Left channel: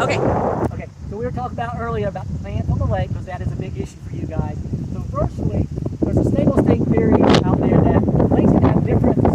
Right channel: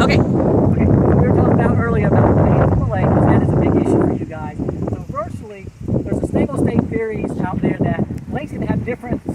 Okay. Okay, we were talking about earlier about plants in the lake, because that is a big issue for you guys. So virtually, there's a stable state theory out there that lakes can have different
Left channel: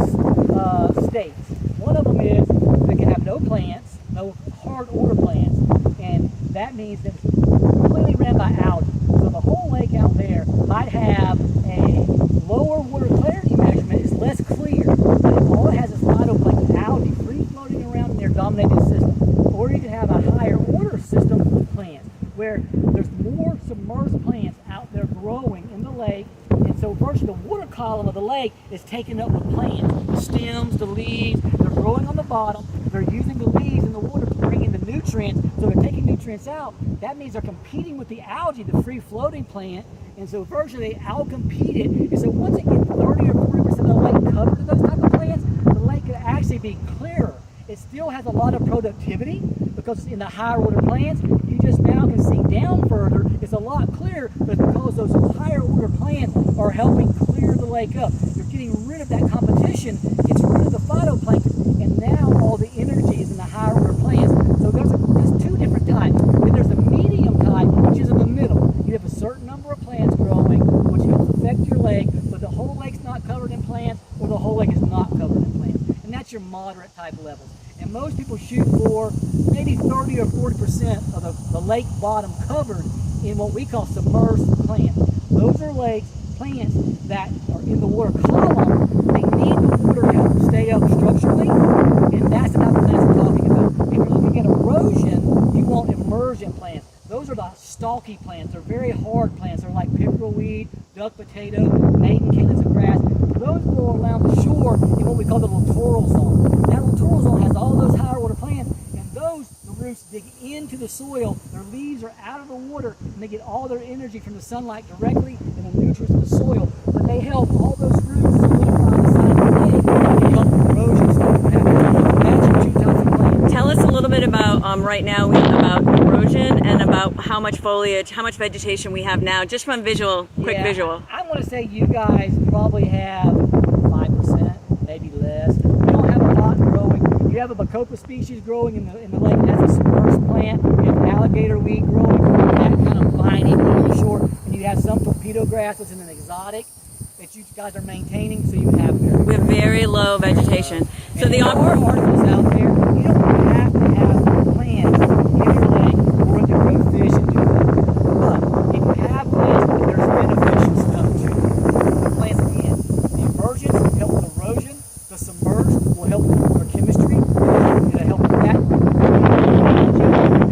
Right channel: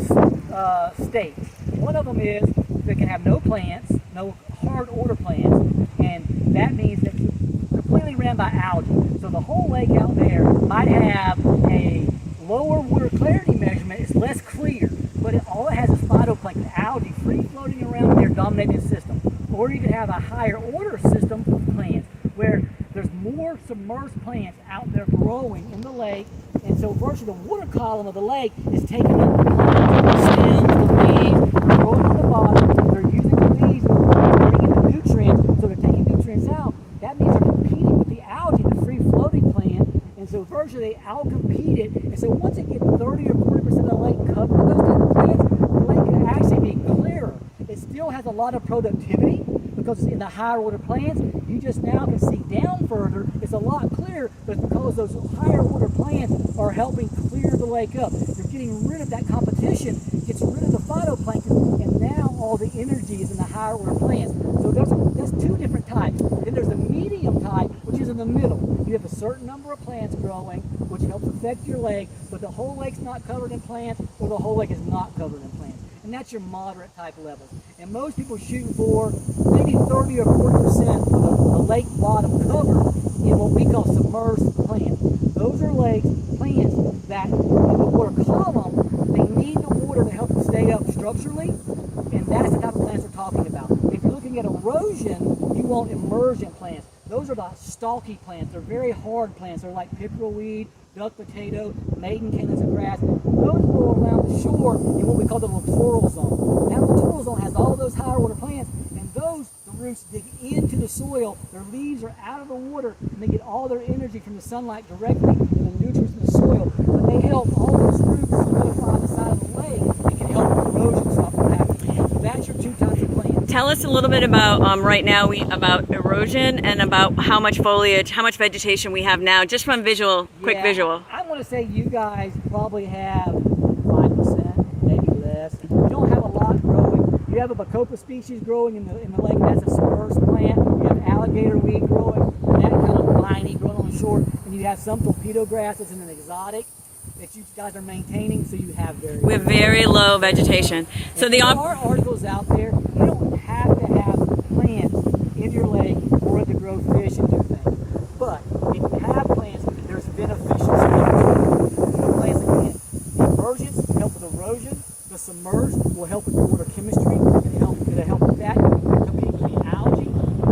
states. One of them is they can have no plants, no hard order plants, and that means that it's completely ran by algae. So the whole lake out there might have a lower water clarity measurement, is less clear, but all it has is phytoplankton, algae, free floating around in their dominating system. Or you can have a higher order system of plants, where there's more submerged plants out there growing in the lake, and so virtually the water column of the lake is taking up the plants, the stems, the leaves, they're growing on the bottom, they're using the leaves, they're bringing the nutrients, so they're taking nutrients out. That means they're competing with the algae, the free floating plant, and so virtually they out-compete it, and so once it gets 30 or 40% of the lake covered with those type of plants, the lake can actually be clearer. It still has a lot of productivity because it's in the higher order plants. You just now can see down further. It's a lot clearer, but because those higher order plants are helping clear the lake up. You're getting rid of that competition, gets rid of the phytoplankton, and now all the energy is in the higher order plants. So there's two different types. Then there's a medium type, which is in the middle. You have a certain number of plants growing, which helps affect your lake, but the whole lake's not covered in plants, or the whole lake is not covered in plants. And that's your moderate type level. And most people shoot for maybe 30 or 40% of the lake bottom covered in what we call submerged plants. Those are plants that in the water column, they need the water to help them stay up structurally, and that's the type of plants we're talking about. If you're looking at erosion, you want emergent plants. Those are the stalky plants. They're very hard plants. They're like pickerelweed, duck potato, maiden cannons of grass. Those grow around the shore in what we call the littoral zone. That littoral zone has all those higher water plants, and those, the roots dig into the soil. Their leaves are out of the water, and they get all their energy from the sunlight directly and the nutrients in the soil. But they help all those roots solidify on the side of the lake and help erosion start to happen. That's your two types of plants. Tell us a little bit about right now about erosion and about how much foliage, how much vegetation we have now, just from visual, quick visual. I want to say you guys probably have 5%, maybe less. You don't have a lot growing. You have a bacopa species growing in the lake. That's a submerged plant. You have alligator weed growing, that kind of lining on the shore, and you have some torpedo grass, which is an exotic that you guys are maintaining. So you have we have very low vegetation. So there are articles out there. You don't have to have plants in your lake for it to grow fish and do things. But if you have plants, there's beneficial the plants again. The emergence will help with erosion. The submerged will help with water chemistry. It'll help with that. It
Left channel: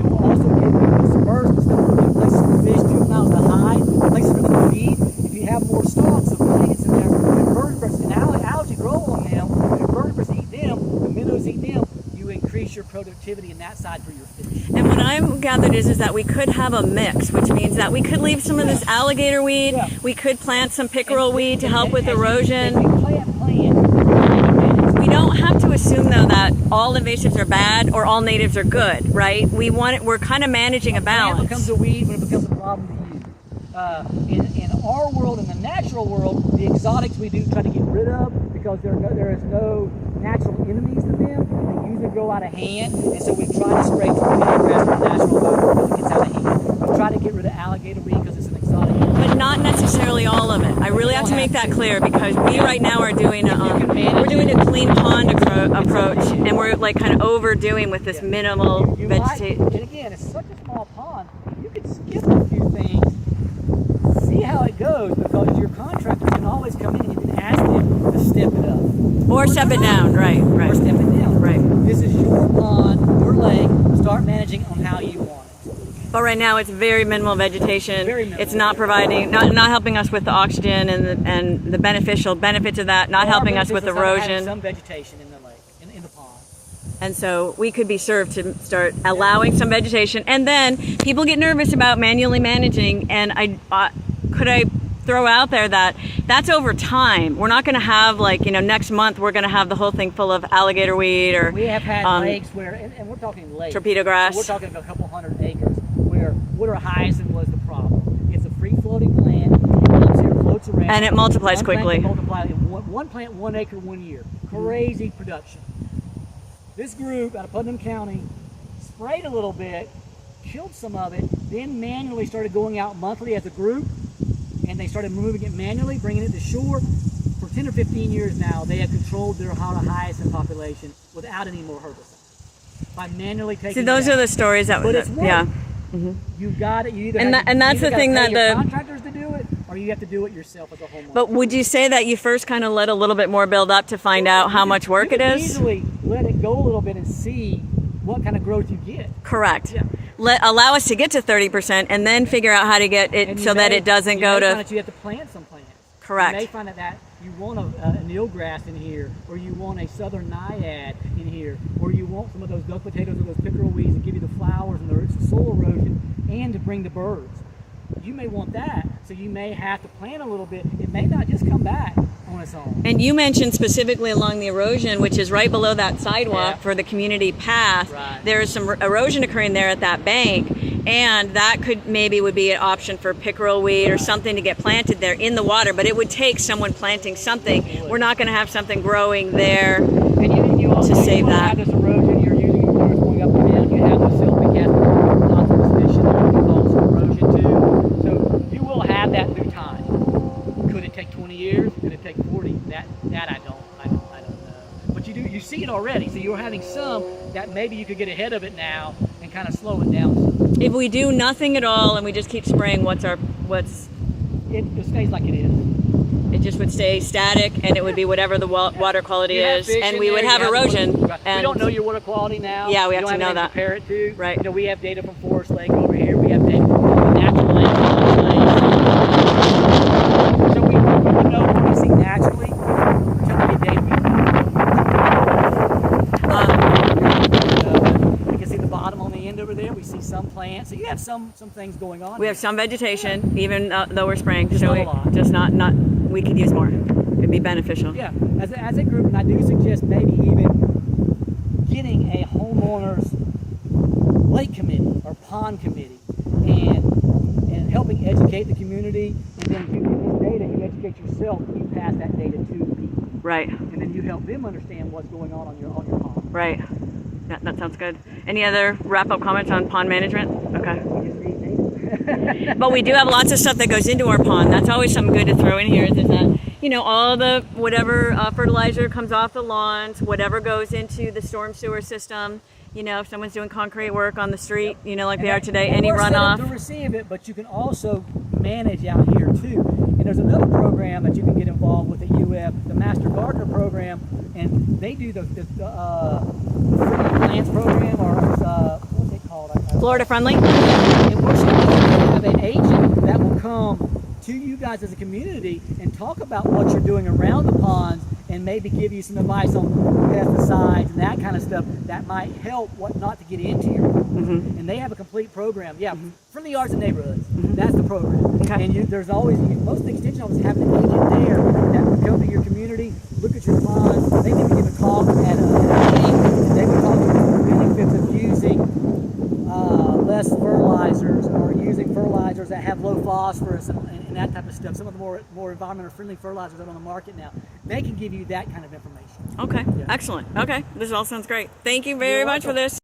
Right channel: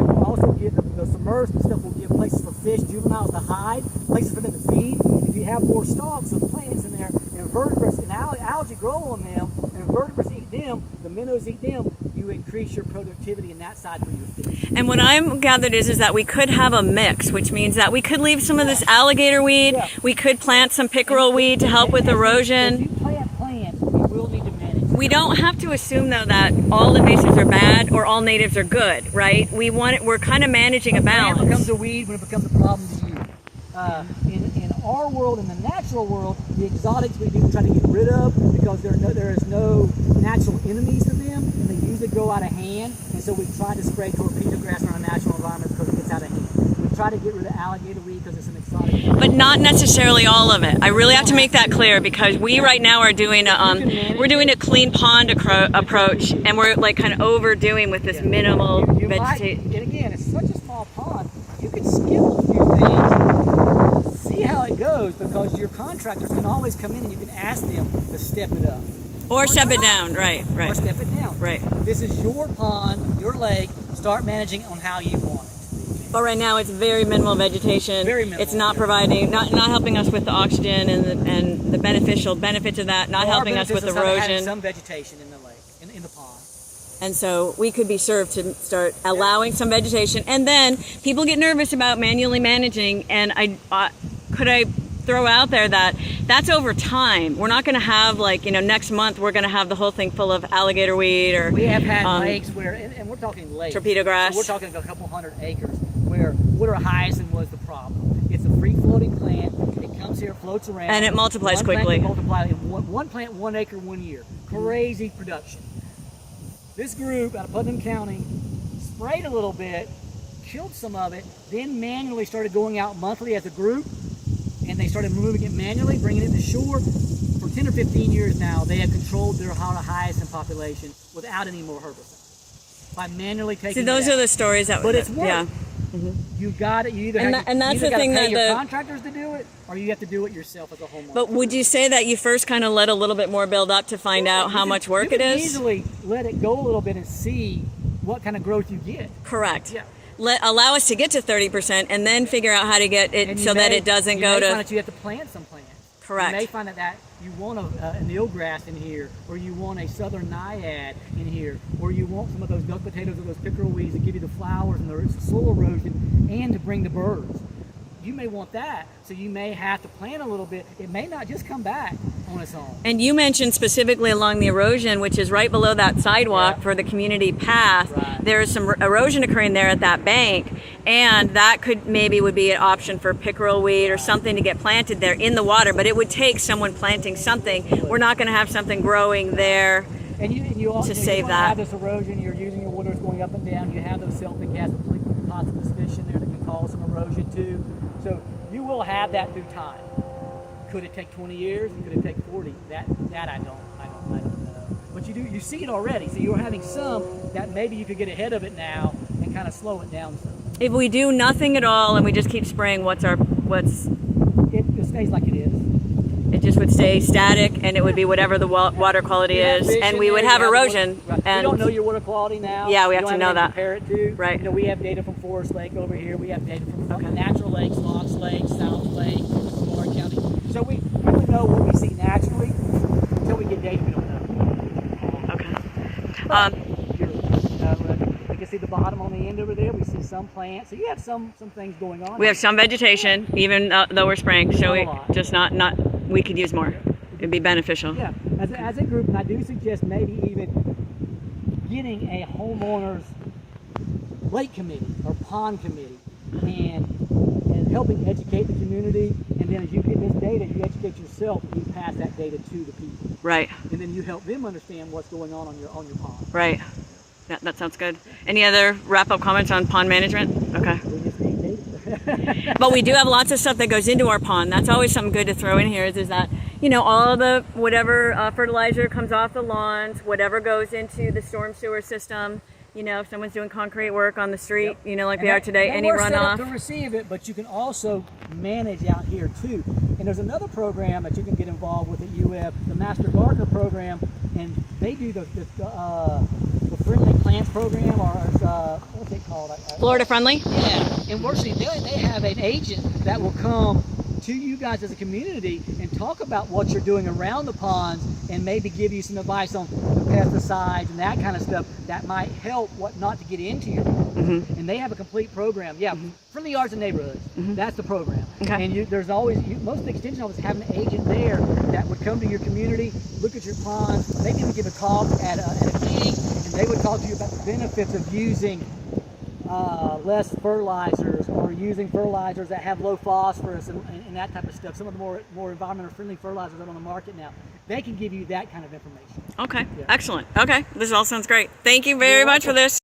will also give you the submerged instead of putting places for fish 2 miles high, places for them to feed. If you have more stalks of plants in there, invertebrates and algae grow on them, the invertebrates eat them, the minnows eat them, you increase your productivity in that side for your fish. And what I'm gathered is that we could have a mix, which means that we could leave some of this alligator weed, we could plant some pickerel weed to help with erosion. You plant. We don't have to assume though that all invasives are bad or all natives are good, right? We're kind of managing a balance. It becomes a weed when it becomes a problem to you. In our world, in the natural world, the exotics we do try to get rid of because there is no natural enemies to them. They usually go out of hand, and so we try to spray torpedo grass from the natural buffer because it gets out of hand. We try to get rid of alligator weed because it's an exotic. But not necessarily all of it. I really have to make that clear because we right now are doing we're doing a clean pond approach, and we're like kind of overdoing with this minimal vegetation. And again, it's such a small pond. You could skip a few things, see how it goes, because your contractors can always come in and you can ask them to step it up. Or step it down, right. Or step it down. Right. This is your pond, your lake. Start managing on how you want it. But right now it's very minimal vegetation. Very minimal. It's not providing, not helping us with the oxygen and the beneficial benefits of that, not helping us with erosion. Some vegetation in the lake, in the pond. And so we could be served to start allowing some vegetation. And then people get nervous about manually managing, and could I throw out there that that's over time. We're not going to have next month we're going to have the whole thing full of alligator weed or we have had lakes where, and we're talking lakes, torpedo grass. So we're talking a couple 100 acres where water hyacinth was the problem. It's a free floating plant. It comes here, floats around, and it multiplies quickly. One plant, 1 acre, 1 year. Crazy production. This group out of Putnam County sprayed a little bit, killed some of it, then manually started going out monthly as a group, and they started moving it manually, bringing it to shore. For 10 or 15 years now, they have controlled their hyacinth population without any more herbicide by manually taking. See, those it out. are the stories that. But it's work. Yeah. You got it. You either And have and that's you either the thing gotta pay that your the contractors to do it, or you have to do it yourself as a homeowner. But would you say that you first kind of let a little bit more build up to find out how much work you it can is? Easily let it go a little bit and see what kind of growth you get. Correct. Yeah. Allow us to get to 30% and then figure out how to get it so that it doesn't go to. You may find that you have to plant some plants. Correct. You may find that you want an eelgrass in here, or you want a southern naiad in here, or you want some of those duck potatoes or those pickerel weeds that give you the flowers and the soil erosion and to bring the birds. You may want that, so you may have to plant a little bit. It may not just come back on its own. And you mentioned specifically along the erosion, which is right below that sidewalk for the community path. Right. There is some erosion occurring there at that bank, and that would be an option for pickerel weed or something to get planted there in the water. But it would take someone planting something. We're not going to have something growing there And you also to save that. have this erosion. You're using your waters going up and down. You have those silty cast phosphorus fish in there that can cause some erosion too. So you will have that through time. Could it take 20 years? Could it take 40? That I don't know. But you see it already. So you're having some that maybe you could get ahead of it now and kind of slow it down some. If we do nothing at all and we just keep spraying, It stays like it is. it just would stay static, and it would be whatever the water quality You have is, fish and in we would there, have you erosion. Right. And We don't know your water quality now. Yeah, we You have don't to know anything that. to compare it to. Right. You know, we have data from Forest Lake over here. We have data from the natural lakes, lakes. So we know what we see naturally until we get data. You can see the bottom on the end over there. We see some plants. So you have some things going on. we have some vegetation, even though we're spraying, so not a we lot. just not we could use more. It'd be beneficial. Yeah, as a group, and I do suggest maybe even getting a homeowners lake committee or pond committee and helping educate the community, and then you get this data, you educate yourself, and you pass that data to the people. Right. And then you help them understand what's going on your pond. Right. That sounds good. Any other wrap-up comments on pond management? Okay. We just need data. But we do have lots of stuff that goes into our pond. That's always something good to throw in here is that, all the whatever fertilizer comes off the lawns, whatever goes into the storm sewer system, if someone's doing concrete work on the street, like they are today, And any we're set up runoff. to receive it, but you can also manage out here too. And there's another program that you can get involved with at UF, the Master Gardener program, and they do the Friendly Plants program, or what's it called? Florida friendly? Yeah, and what they do, they have an agent that will come to you guys as a community and talk about what you're doing around the ponds and maybe give you some advice on pesticides and that kind of stuff that might help what not to get into your ponds. And they have a complete program. Yeah, Friendly Yards and Neighborhoods. That's the program. Okay. And there's always, most of the extension offices have an agent there that would come to your community, look at your ponds, maybe even give a talk at a meeting, and they would talk to you about the benefits of using less fertilizers, or using fertilizers that have low phosphorus and that type of stuff. Some of the more environmentally friendly fertilizers that are on the market now, they can give you that kind of information. Okay, Yeah. excellent. Okay, this all sounds great. Thank you very You're much for welcome. this.